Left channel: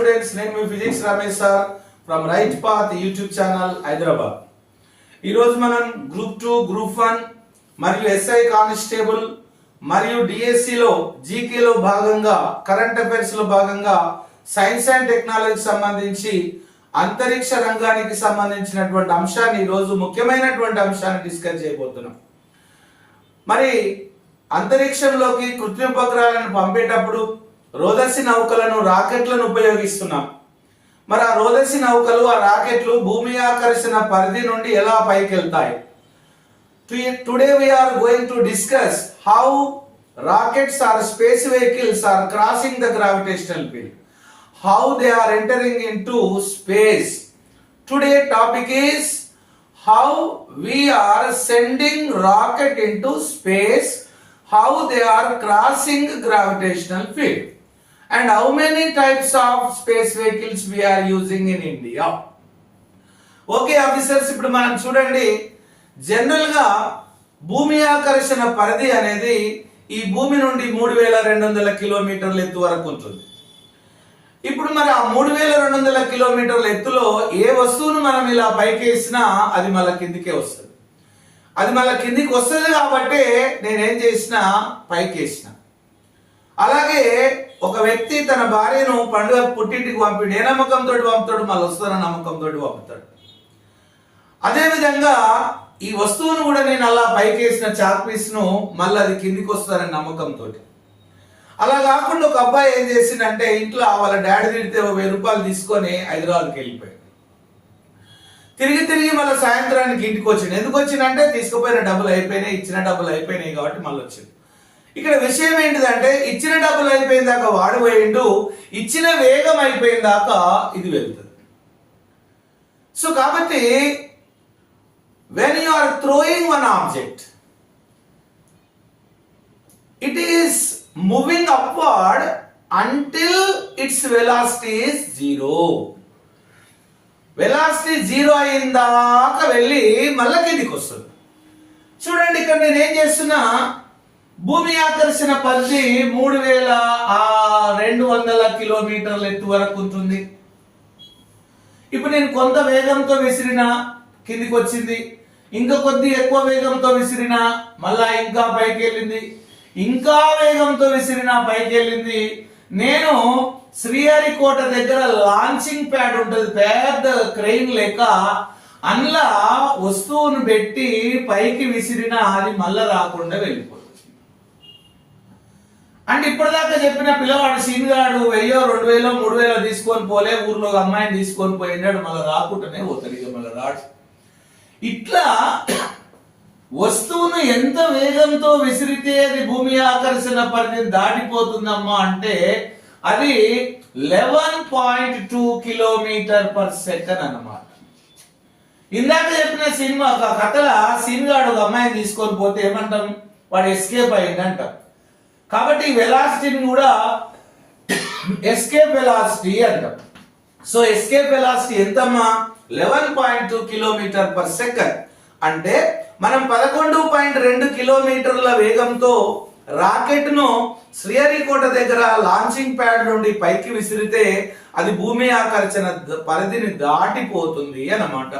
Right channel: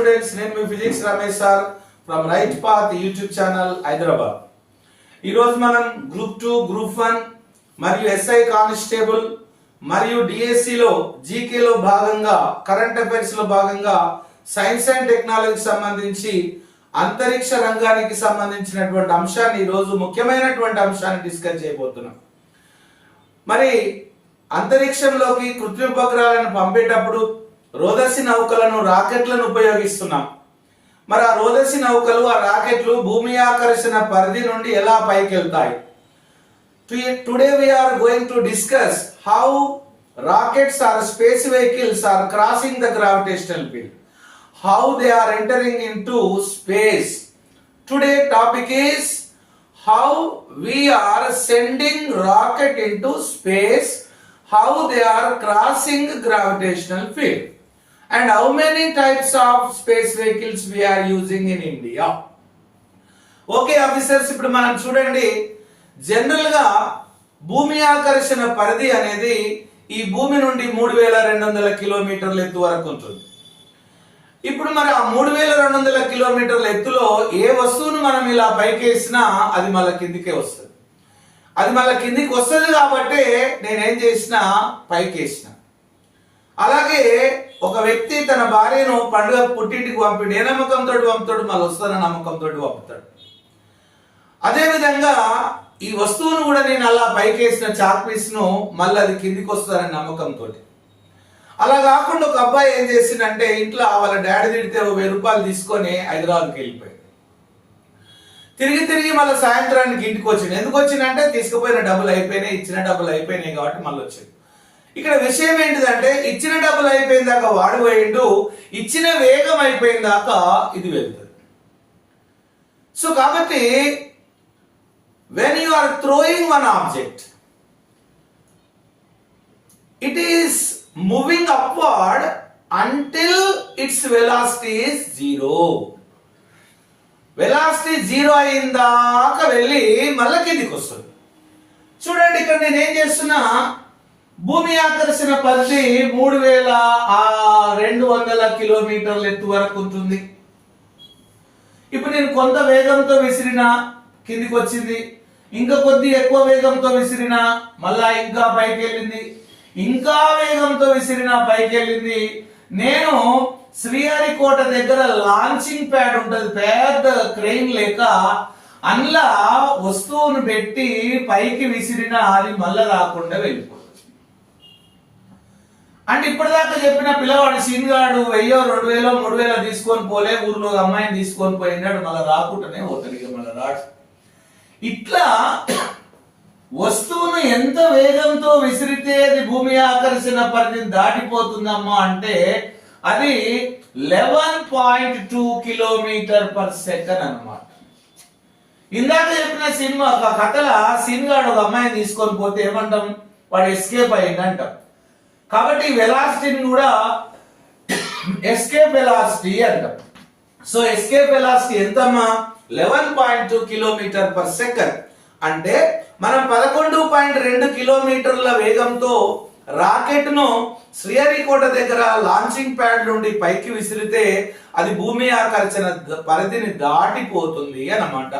Students నేను మీ physics Ramesh sir from Right Path YouTube channel Hyderabad ఈరోజు మనం group two group one మరియు SI constable మరియు డిఎస్సిలో జీకేలో భాగంగా కరెంట్ అఫైర్స్లో భాగంగా సైన్స్ అండ్ టెక్నాలజీకి సంబంధించి అంతరిక్ష రంగానికి సంబంధించినటువంటి అంశాన్ని ఈరోజు ముఖ్యమైనటువంటి అంశాన్ని డిస్కస్ చేయబోతున్నాం. మరి అంతరిక్షంలోకి కృత్రిమ ఉపగ్రహాలను పంపేటప్పుడు రోదసి నౌకలను రాకెట్లను ఉపయోగిస్తున్నాం. మరి ఆ రోదసి నౌకలు ఆ రాకెట్లు భూమి ఆకర్షణ పరిధి నుండి ఎలా పైకి వెళ్తాయి today we are going to discuss how rockets or space vehicles are crossing the gravitational field how they are entering into space today topic is how we are sending rocket into space how they are crossing gravitational field and how many types of space vehicles we are using in india? Okay officers ఇప్పుడు మనం చూడండి. జనరల్గా భూమి ఆకర్షణ పరిధి అనేది ఈ భూమి నుండి మూడు వేల రెండు వందల కిలోమీటర్ల ఎత్తు వరకు ఉంటుంది. ఇప్పుడు మరి ఆ మూడు వేల రెండు వందల కిలోమీటర్ల ఎత్తులో ఏ వస్తువును మనం ఇలా పైకి వేసినా అది మళ్ళీ కిందికే వస్తుంది. అది మళ్ళీ కిందికి వస్తుంది కాబట్టి నేనేం చేసిన వేసినా. అలాగే ఒక వ్యక్తి తన భార్యను పండుగ పుట్టింటికి పంపిడు. ఏ నమ్మకంతో పంపుతాడు? మళ్ళీ వస్తున్న నమ్మకంతో పంపుతాడు? అదేవిధంగా ఈ వస్తువును కూడా నేను అలా పైకేసిన వేసిన పీస్ను మళ్ళీ అది కిందికి వస్తుందనే నమ్మకంతో అలా కాకుండా ఒక అబ్బాయి ఏం చేసిండంటే ఇంట్లో వాళ్ళ డాడీ తిడితే వెయ్యి రూపాయలు తీసుకొని హైదరాబాద్కి వెళ్ళిపోయాడు. తిరిగి తిరిగి మళ్ళీ సాయంత్రానికి ఇంటికి వచ్చింది ఎందుకు వచ్చిందంటే తీసుకుపోయిన డబ్బులు అయిపోయినాయి ఇచ్చిన డబ్బులు అయిపోయినాయి కాబట్టి మళ్ళీ వచ్చింది ఇక్కడ విషయం ఏంటిదంటే ఇచ్చిన డబ్బులు అయిపోయిన దాకా వాడు పోయిండు ఇచ్చిన వేగం అయిపోయిన దాకా ఇది వెళ్తుంది. సో కాబట్టి when you are throwing one object it is moving upward until its velocity zero zero. Velocity zero అయిన దాకా వెళ్ళి మళ్ళీ కిందికి వస్తుంది. చూడండి ఇక్కడ నేను ఏం చేస్తున్నా? భూమి ఆకర్షణ పరిధి మూడు వేల ఆ రెండు వందల కిలోమీటర్ల ఎత్తు వరకు ఉంటుంది. ఇప్పుడు నేను కొంత వేగంతో విసిరిన కిందికి వచ్చింది. ఇంకా కొద్ది ఎక్కువ వేగంతో విసిరిన మళ్ళా ఇంకా పైకి వెళ్ళింది. ఇంకా వేగంతో విసిరిన పైకి వెళ్ళింది. నేను శ్రీహరికోట దగ్గర లాంచింగ్ ప్యాడ్ ఉంటుంది పెద్ద క్రెయిన్ లేక అందులో వస్తువును పెట్టి పైకి విసిరిన అది మళ్ళా రాకుండా వెళ్ళిపోతుంది. అంటే ఇప్పటిదాకా చెప్పిన పిల్లవాడు సీన్గాడు వెయ్యో రెండు వేలో మూడు వేలో తీసుకొని పోలే ఊర్లో ఒక అమ్మాయిని తీసుకొని పోయినాడు మళ్ళీ రాకుండానే పోతాడు ఇక మళ్ళీ రాడు. ఇట్లా వస్తువును ఎంత వేగంతో విసిరితే అది భూమి ఆకర్షణ పరిధిని దాటిపోతుందమ్మా అంటే అది eleven point two kilometre per second అనమాట ఇందాక చెప్పిన సినిమా ఒక కథల సీన్గాడు ఒక అమ్మాయిని తీసుకొని పోతే ఏమంటాం? వాడు ఎస్కేప్ అయ్యింది కాబట్టి వెలాసిటీని కూడా ఎస్కేప్ వెలాసిటీ అంటాం. సో ఎస్కేప్ వెలాసిటీ ఎంతమ్మా? Eleven point two kilometre per second అంటే మనం పదకొండు పాయింట్ రెండు కిలోమీటర్ల వేగంతో రాకెట్ను శ్రీహరికోట దగ్గర లాంచింగ్ ప్యాడ్ నుండి పైకి విసిరితే అది భూమి ఆకర్షణ పరిధిని దాటిపోతుంది అన్నమాట.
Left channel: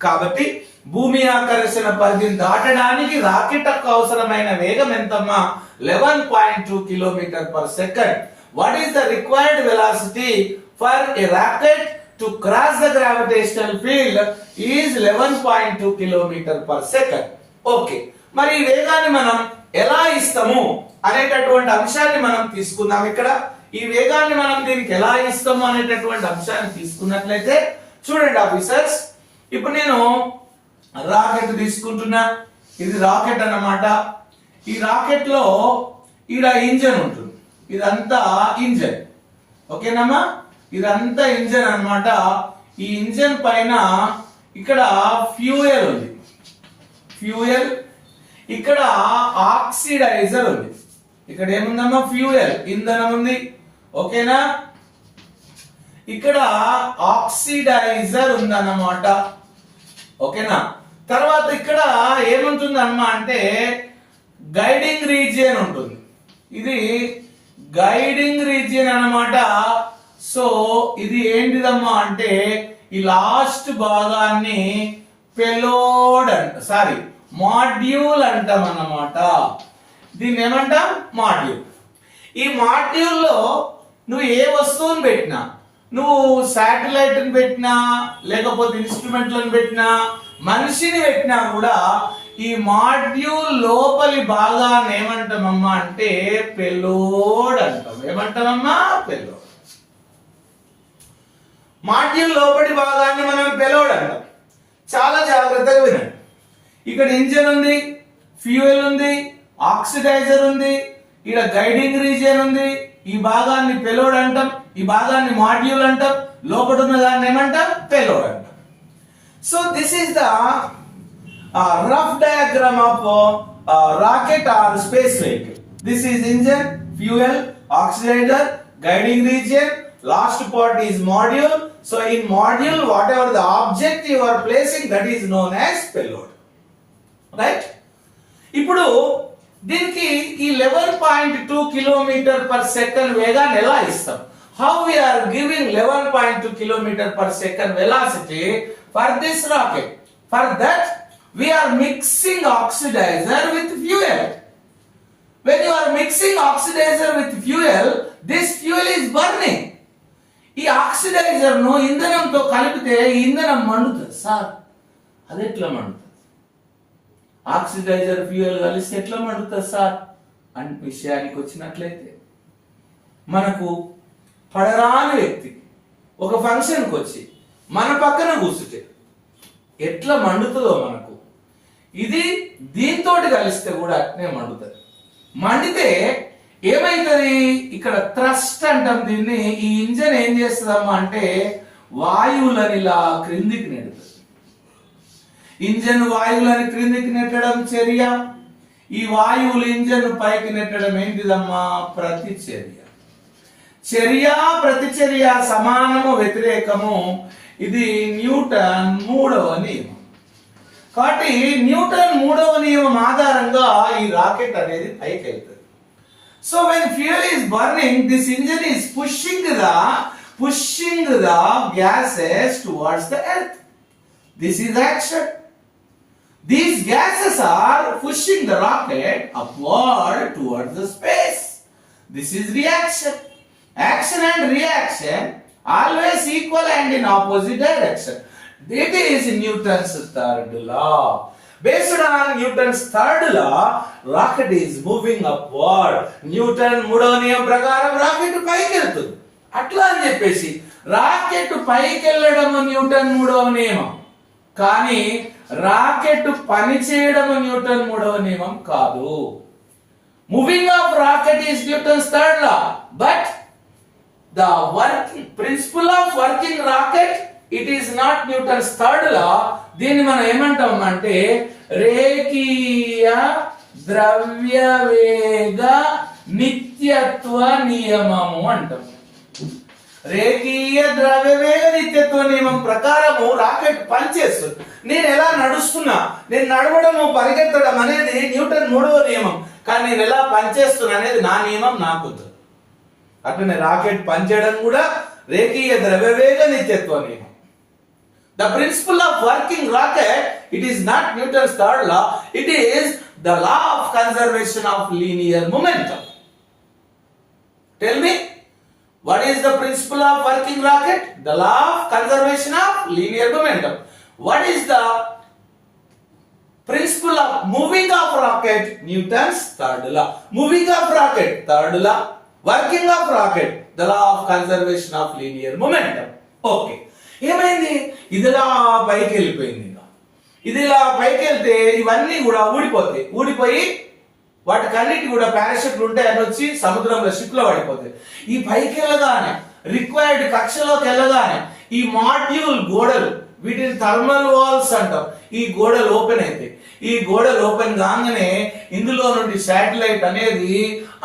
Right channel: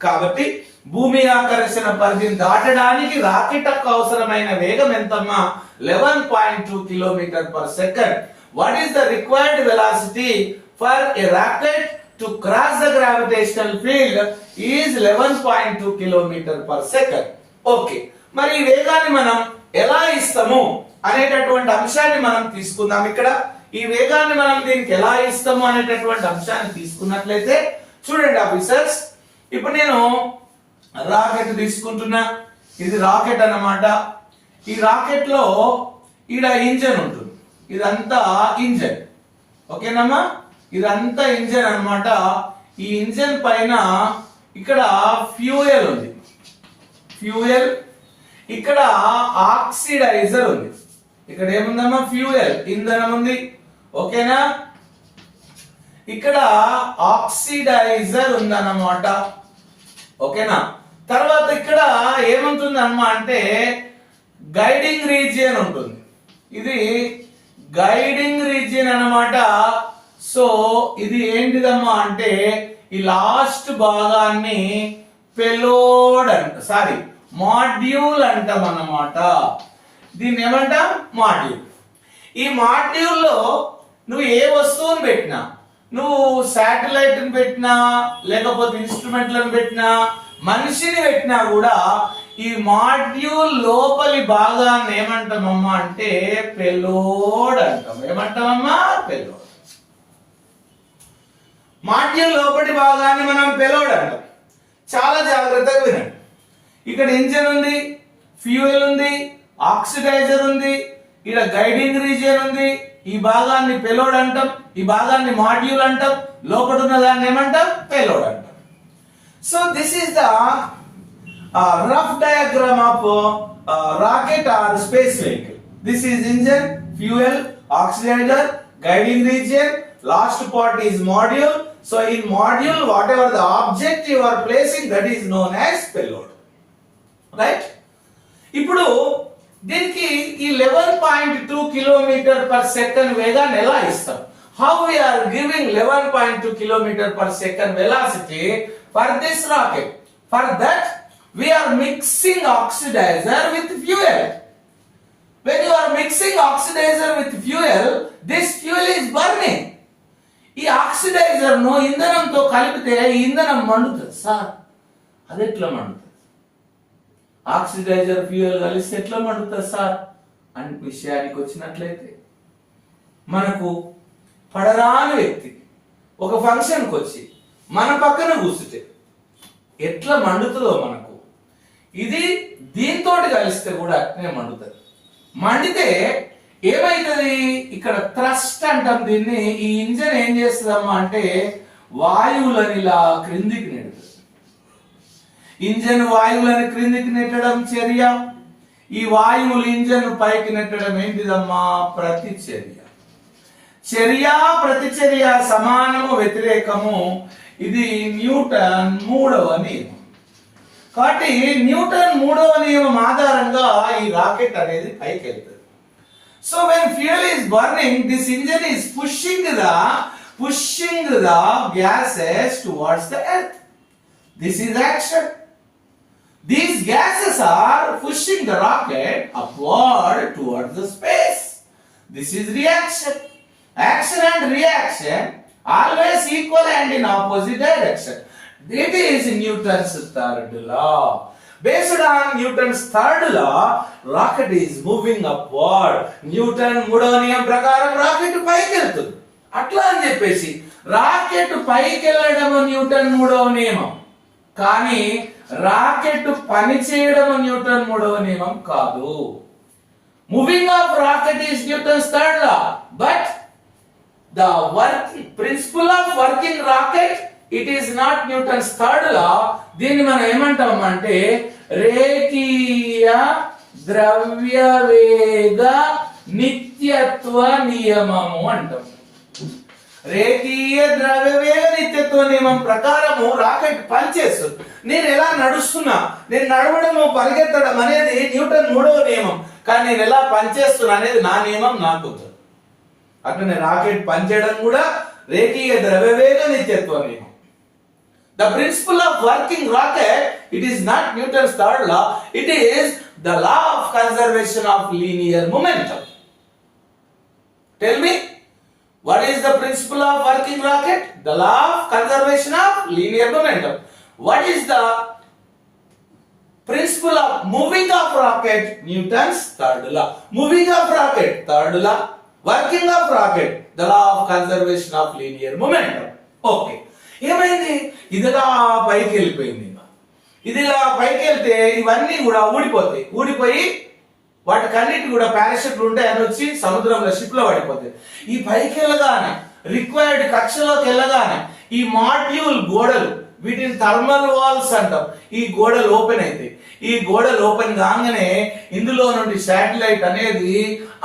కాబట్టి భూమి ఆకర్షణ పరిధిని దాటడానికి రాకెట్కు అవసరమైన వేగం ఎంతమ్మా? Eleven point two kilometre per second what is the required velocity for a rocket to cross the gravitational field is eleven point two kilometre per second okay మరి ఈ వేగాన్ని మనం ఎలా ఇస్తాము అనేటటువంటి అంశాన్ని మనం తీసుకుందాం ఇక్కడ. ఈ వేగాన్ని మనం దీనికి ఎలా ఇస్తాము అనేటటువంటి అంశాన్ని తీసుకున్నట్లయితే చూడండి ఆఫీసర్స్ ఇప్పుడు నేను రాకెట్ తీసుకుంటున్నా. ఇది రాకెట్ అన్నమాట. ఈ రాకెట్లో ఈడ ఇంజన్ ఉంటుంది. ఇదంతా ఇంజన్. ఓకేనమ్మా? ఇదంతా ఇంజన్ అన్నమాట. ఈ ఇంజన్ పైన ఇక్కడ ఫ్యూయల్ ఉంది. ఫ్యూయల్. ఇక్కడ ఆక్సిడైజర్ ఉంది. ఇక్కడ ఏముందమ్మా? ఫ్యూయల్. ఇంధనం ఉంది. ఓకేనా? ఇక్కడ ఆక్సిడైజర్ ఉందన్నమాట. ఓకేనా? తర్వాత ఇక్కడ ఏముంటుంది అమ్మ అంటే గైడింగ్ రీజియన్ ఉంటుంది. ఇది గైడింగ్ రీజియన్ అన్నమాట. సో ఇది ఏంటిదమ్మా అంటే ఈ లాస్ట్ భాగాన్ని పెలోడ్ అంట సారీ మాడ్యూల్ అంటాం అన్నమాట. దీన్ని ఏమంటాం? మాడ్యూల్ ఈ మాడ్యూల్లో నువ్వు ఏ వస్తువుని పెట్టినా నువ్వు శాటిలైట్ పెట్టినా లేకపోతే ఇన్స్ట్రుమెంట్లను పెట్టినా మనిషిని పెట్టినా కూడా ఈ మాడ్యూల్ లోపలి భాగాన్ని ఏమంటామమ్మా అంటే పెలోడ్ అంటాం. ఏమంటామమ్మా పెలోడ్ మాడ్యూల్ లోపలి భాగాన్ని మనం పెలోడ్ అంటాం. చాలా జాగ్రత్తగా వినండి. ఇక్కడ ఇంజన్ ఉంది ఫ్యూయల్ ఉంది ఆక్సిడైజర్ ఉంది ఇక్కడ గైడింగ్ రీజియన్ ఉంది ఈ భాగాన్ని పెలోడ్ అంటాం ఈ భాగాన్ని మాడ్యూల్ అంటాం లోపల ఉన్న దాన్ని ఏమంటాం? పెలోడ్ అంటాం. So this is the rough diagram of rocket or space vehicle this is engine fuel oxidiser guiding region last part is module so in module whatever the object you are placing that is known as payload right ఇప్పుడు దీనికి ఈ eleven point two kilometre per second వేగాన్ని ఎలా ఇస్తాం? How we are giving eleven point two kilometre per second velocity for this rocket for that we are mixing oxidiser with fuel when you are mixing oxidiser with fuel this fuel is burning ఈ ఆక్సిడైజర్ను ఇంధనంతో కలిపితే ఈ ఇంధనం మండుతుంది. Sir అది ఎట్లా మండుతుంది? ఆక్సిడైజర్ ఫ్యూయల్ కలిసి ఎట్లా మండుతుంది సార్ అని విషయానికి వచ్చినట్లయితే మనకు పడరాని వ్యక్తి ఒక ఫంక్షన్కి వచ్చి మన పక్కన కూర్చుంటే ఎట్లా మండుతుందో మనకు. ఇది దీంతో కలిస్తే కూడా అట్నే మండుతుంది. మండితే ఏమైతుంది? ఇక్కడ థ్రస్ట్ అంటాం దీన్ని. ఈ ఇంజన్ ఏం చేస్తుందమ్మా అంటే వాయువులని ఇలా క్రిందికి ఇంజన్ వాయువులను క్రిందికి నెట్టడం చర్య. ఈ వాయువులు ఇంజన్ పైకి నెట్టడం ఏంటిదమ్మా? ప్రతిచర్య. చర్య ప్రతిచర్య సమానము వ్యతిరేకము. ఇది న్యూటన్ మూడవ నియమం. కాబట్టి న్యూటన్ మూడవ నియమం ఆధారంగా ఈ రాకెట్ అనేది పైకి వెళ్తుంది so when fuel is burning this engine is pushing the pushing the gases towards the earth this is action These gases are pushing the rocket upward towards the space. This is reaction. Action and reaction always equal and in opposite direction. It is Newton's third law. Based on Newton's third law, rocket is moving upward. Newton మూడవ నియమం ప్రకారం rocket పైకి వెళ్తుంది అట్లా అని చెప్పేసి rocket పైకి వెళ్ళడం న్యూటన్ మూడవ నియమం కానీ రాకెట్ పనిచేయడం న్యూటన్ మూడవ నియమం కాదు. Moving of rocket is Newton's third law but the working principle of working rocket it is not Newton's third law దీన్ని మనం ఏమంటాం అంటే రేఖీయ ద్రవ్య వేగ నిత్యత్వ నియమము అంటాం. రేఖీయ ద్రవ్యవేగ నిత్యత్వ నియమం ప్రకారము రాకెట్ పనిచేస్తుంది. నేను ఎలా నడుస్తున్నా? నేను నడవడము పరిగెత్తడం అనేది న్యూటన్ మూడవ నియమం. కానీ నేను ఎలా పనిచేస్తున్నా అనేది నా నియమం నాకు అట్లనే రాకెట్ పనిచేయడం కూడా రేఖీయ ద్రవ్యవేగ నిత్యత్వ నియమం. The principle of working rocket it is not Newton's third law it is the law of conservation of linear momentum tell me What is the principle of working rocket? The law of conservation of linear momentum. What is the principle of moving of rocket? Newton's third law. Moving of rocket, third law. Working of rocket, the law of conservation of linear momentum. Okay. ఏమైంది ఇదిలా పైకి వెళ్ళిపోయింది ఇక ఇది ఇలా పైకి వెళ్తే ఇవన్నీ కూడా ఊడిపోతాయి ఊడిపోయి వాటికన్నిటి కూడా పారాషూట్లు ఉంటాయి అని వచ్చి సముద్రంలో షిప్లో పడిపోతాయి. ఈ పైకి వెళ్ళగానే రిక్వైర్డ్ కక్షలోకి వెళ్ళగానే ఈ మాడ్యూల్ గోడలు వీటిని థర్మల్ వాల్స్ అంటాం. ఈ గోడలు ఓపెన్ అవుతాయి ఈ గోడలు ఓపెన్ కాగానే ఇందులో నుండి శాటిలైట్ అనేది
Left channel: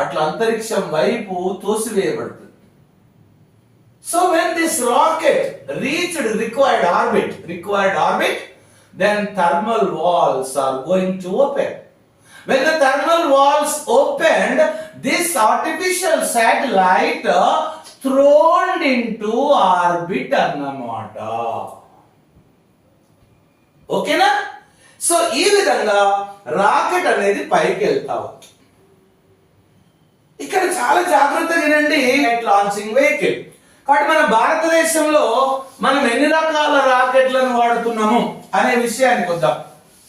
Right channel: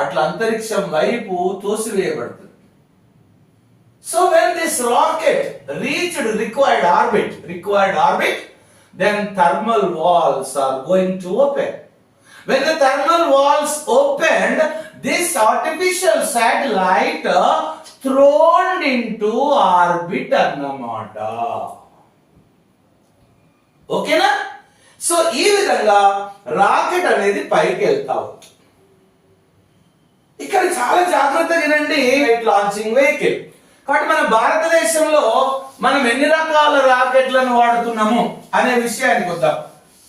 అట్లా అంతరిక్షం వైపు తోసివేయబడుతుంది. So when this rocket reached required orbit required orbit then thermal walls are going to open When the thermal walls opened, this artificial satellite thrown into into orbit అన్నమాట ఓకేనా సో ఈ విధంగా రాకెట్ అనేది పైకి వెళ్తా ఇక్కడ చాలా జాగ్రత్తగా వినండి. లాంచింగ్ వెహికల్ కాబట్టి మన భారతదేశంలో మనం ఎన్ని రకాల రాకెట్లను వాడుతున్నాము అనే విషయానికి వద్దాం.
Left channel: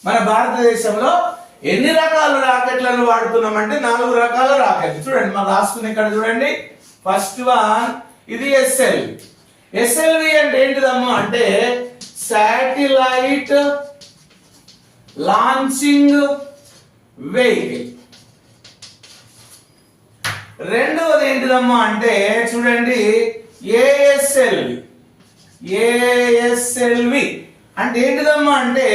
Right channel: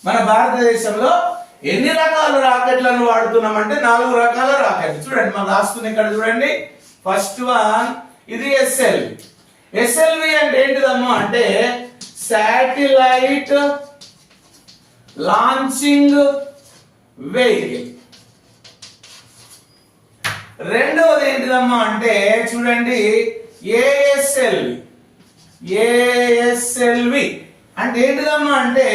మన భారతదేశంలో ఎన్ని రకాల రాకెట్లను వాడుతున్నామంటే నాలుగు రకాల రాకెట్లు. చూడండి మనం రాసుకుని ఇక్కడ చూడండి. ఫస్ట్ వన్ ఇది ఎస్ఎల్వి ఎస్ఎల్వి అంటే ఏంటిదమ్మా? అంటే శాటిలైట్ లాంచింగ్ వెహికల్ రెండవది ఏంటిదమ్మా? అంటే చూడండి ఏఎస్ఎల్వి ఏఎస్ఎల్వి అంటే ఏంటిదమ్మా? అంటే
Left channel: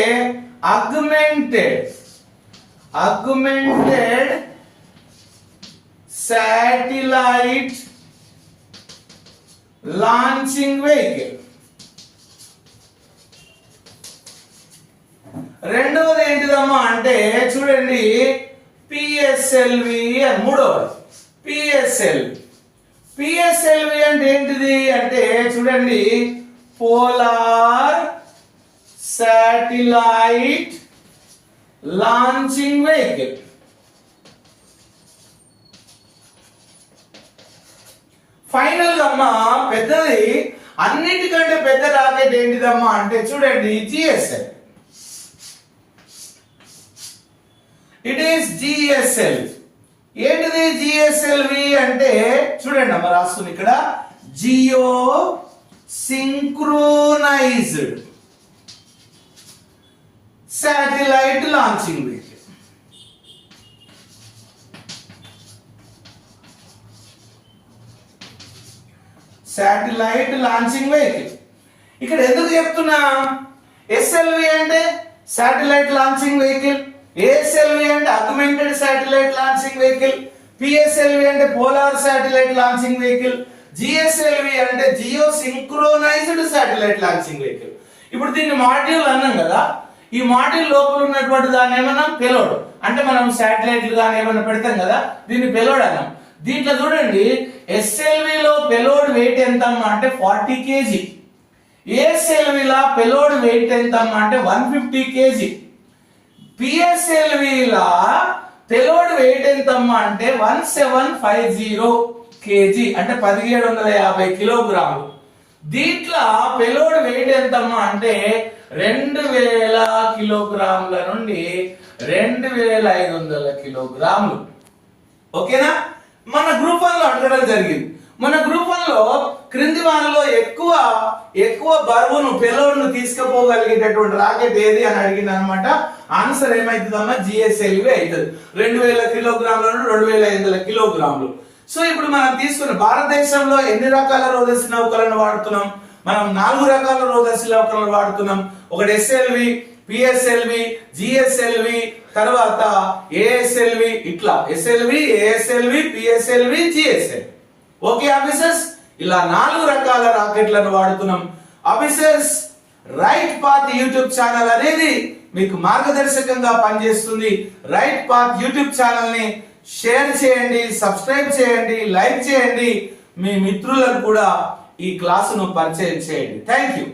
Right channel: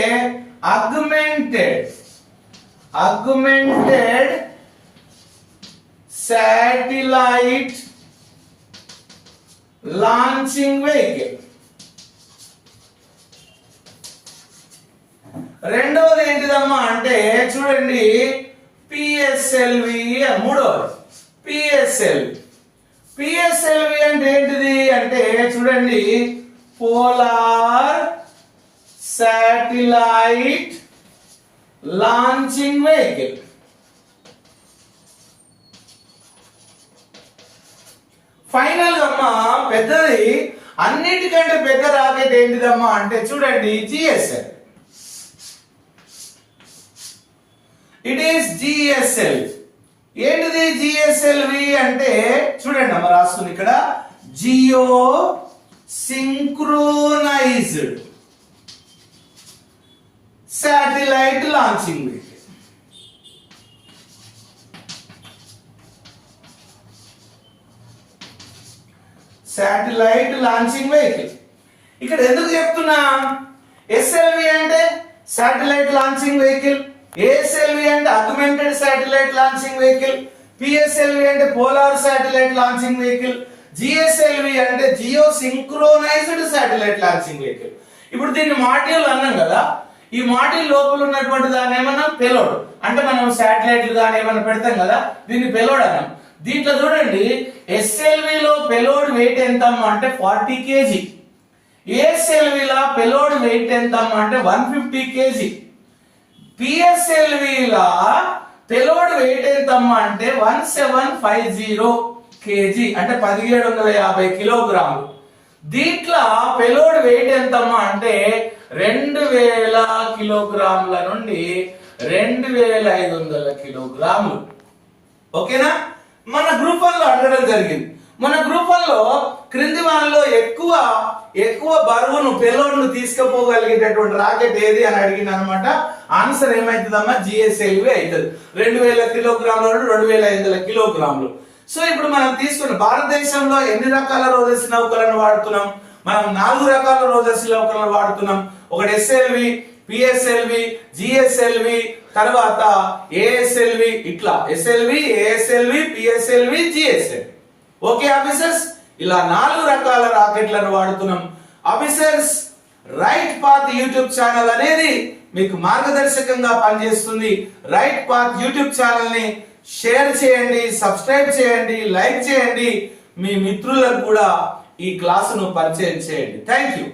augmented augmented satellite launching vehicle రెండవది ఏంటిదమ్మా అంటే చూడండి పిఎస్ఎల్వి మూడవది. పిఎస్ఎల్వి పిఎస్ఎల్వి అంటే ఏంటిది? అంటే చూడండి polar satellite launching vehicle final అమ్మా పెద్దది అన్నిటికంటే పెద్ద రాకెట్ ఏంటిదమ్మా అంటే చూడండి జిఎస్ఎల్ ఇట్ ఈస్ జిఎస్ఎల్ ఏంటిది జిఎస్ఎల్వి అంటే చూడండి అమ్మ రాస్తుంది ఇక్కడ. Geo synchronised satellite launching vehicle satellite launching vehicle ఇక్కడ ఎందుకు చెప్తున్నా? ఎస్ఎల్వి అంటే శాటిలైట్ లాంచింగ్ వెహికల్ ఏఎస్ఎల్వి అంటే augmented satellite launching vehicle PSLV అంటే polar satellite launching vehicle GSLV అంటే geo synchronised satellite launching vehicle ఇప్పుడు దీన్ని మాడ్యూల్ అన్నాం కదా. ఈ మాడ్యూల్ లోపల ఉన్నటువంటి దాని ఏమన్నా? పెలోడ్. అంటే మనం శాటిలైట్లు కానీ ఏమైనా పెడతాం కదా దీన్ని పెలోడ్ అన్నాం. దీంట్లో చూడండి ఎస్ఎల్వి లో పెలోడ్ వెయిట్ ఎంత అంటే ఫార్టీ కేజీ. ఏఎస్ఎల్వి లా పెలోడ్ వెయిట్ ఎంత అంటే వన్ ఫిఫ్టీ కేజీ. పిఎస్ఎల్వి లా పెలోడ్ వెయిట్ ఎంత అంటే one seven five zero KG అంటే పదిహేడు వందల యాభై కిలోగ్రాములు. దీంట్లో పెలోడ్ వెయిట్ ఎంతమ్మా? అంటే రెండు వేల కిలోగ్రాముల నుండి రెండు వేల ఐదు వందల కిలోగ్రాములు. ఓకేనా? మన గ్రూప్ అడగడం జరిగింది. మన గ్రూప్ క్రింది వాళ్ళలో ఎక్కువ ఎక్కువ బరువును పిలవను తీసుకుపోగలిగేటటువంటి రాకెట్ ఏది అని అడిగింది అనమాట ఆన్సర్ ఏమైతుందమ్మా? జిఎస్ఎల్వి అవుతుంది. రెండు వేల కిలోగ్రాముల నుండి రెండు వేల ఐదు వందల కిలోగ్రాములు. సో ఇప్పుడు మనం తీసుకున్న భారతదేశంలో ఎన్ని రకాల రోదసి నౌకలను వాడుతున్నాం? మనం నాలుగు రకాల రోదసి నౌకలను వాడుతున్నాం. ఒకటి ఎస్ఎల్వి పిఎస్ఎల్వి జిఎస్ఎల్వి తర్వాత ఏఎస్ఎల్వి ఇట్లా. SLV ASLV PSLV GSL okay officers ఇలా నాలుగు రకాల రాకెట్లను వాడుతున్నాం. Officers right path YouTube channel అనేది మీకు మార్గదర్శకంగా పనిచేస్తుంది. రైట్ పాత్ యూట్యూబ్ ఛానల్ని షేర్ చేయండి సబ్స్క్రైబ్ చేయండి లైక్ చేయండి. మీ మిత్రులకు కూడా ఈ క్లాసును పరిచయం చేయండి. Thank you